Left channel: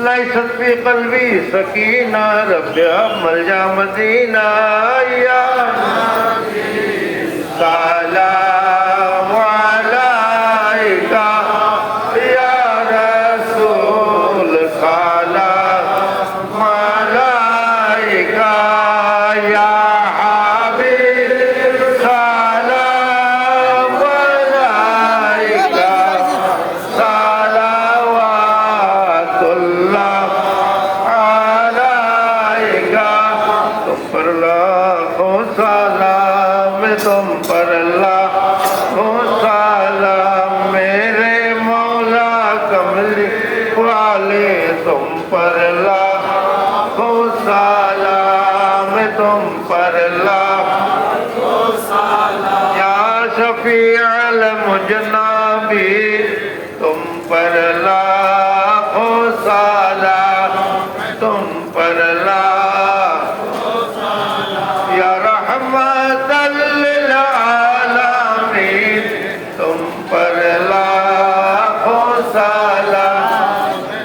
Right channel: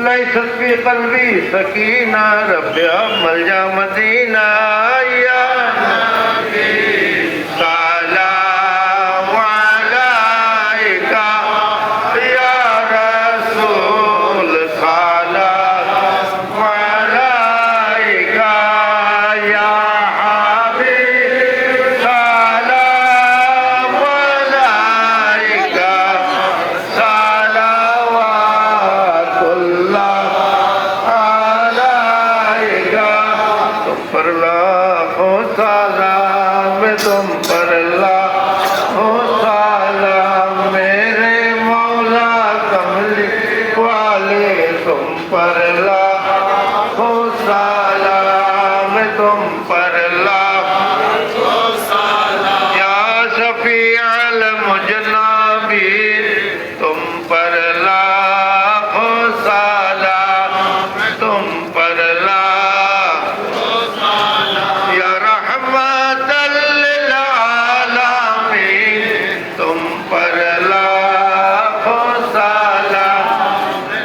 ليست في قلبي سكينة رب ملجأ مدينة يا, يا, يا घोशाला में तुम पढ़ा गोसाला मेरे मौला تم काल तुम पढ़ा गोसाला में तुम पढ़ा या सफ़ल मुझ न बि तुम पर ला घोसा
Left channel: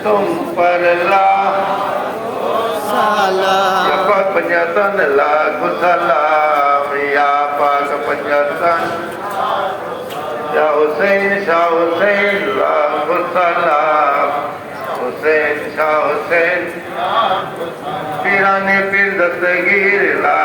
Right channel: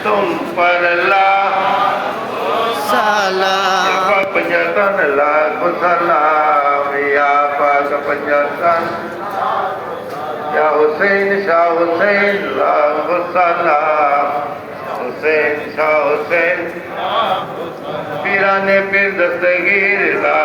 गोसाला कप जतन ला घोसाला मेहा जतना शाह हुसैन ला घोसा हुसैन शाह हुसैन पीरानी पिदस्तीर ला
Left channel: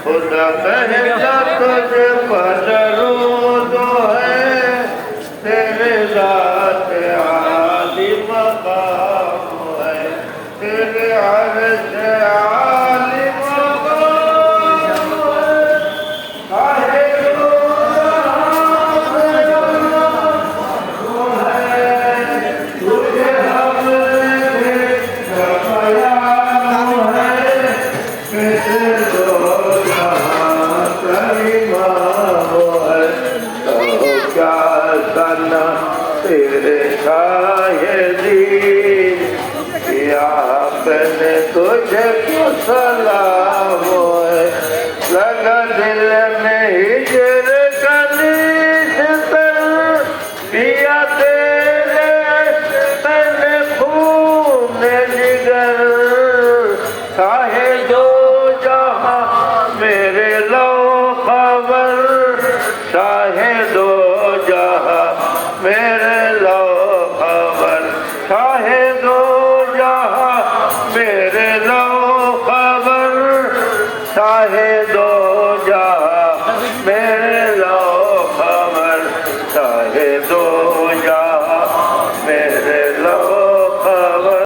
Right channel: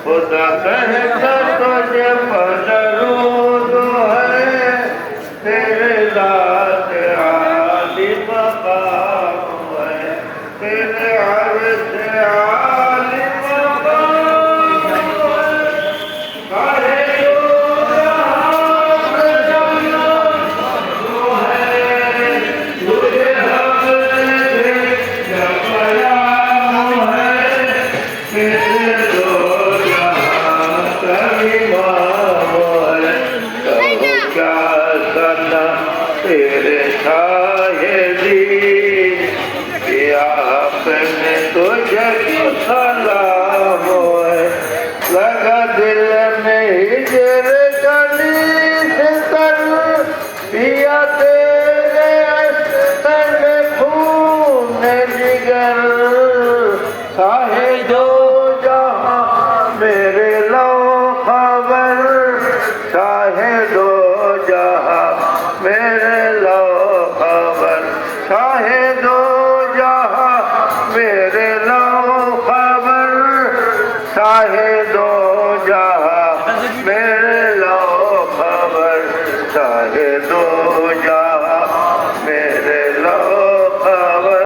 त जे मोह तेर तुंहिंजे पुस लॻ दिलि में दो जा साहे दो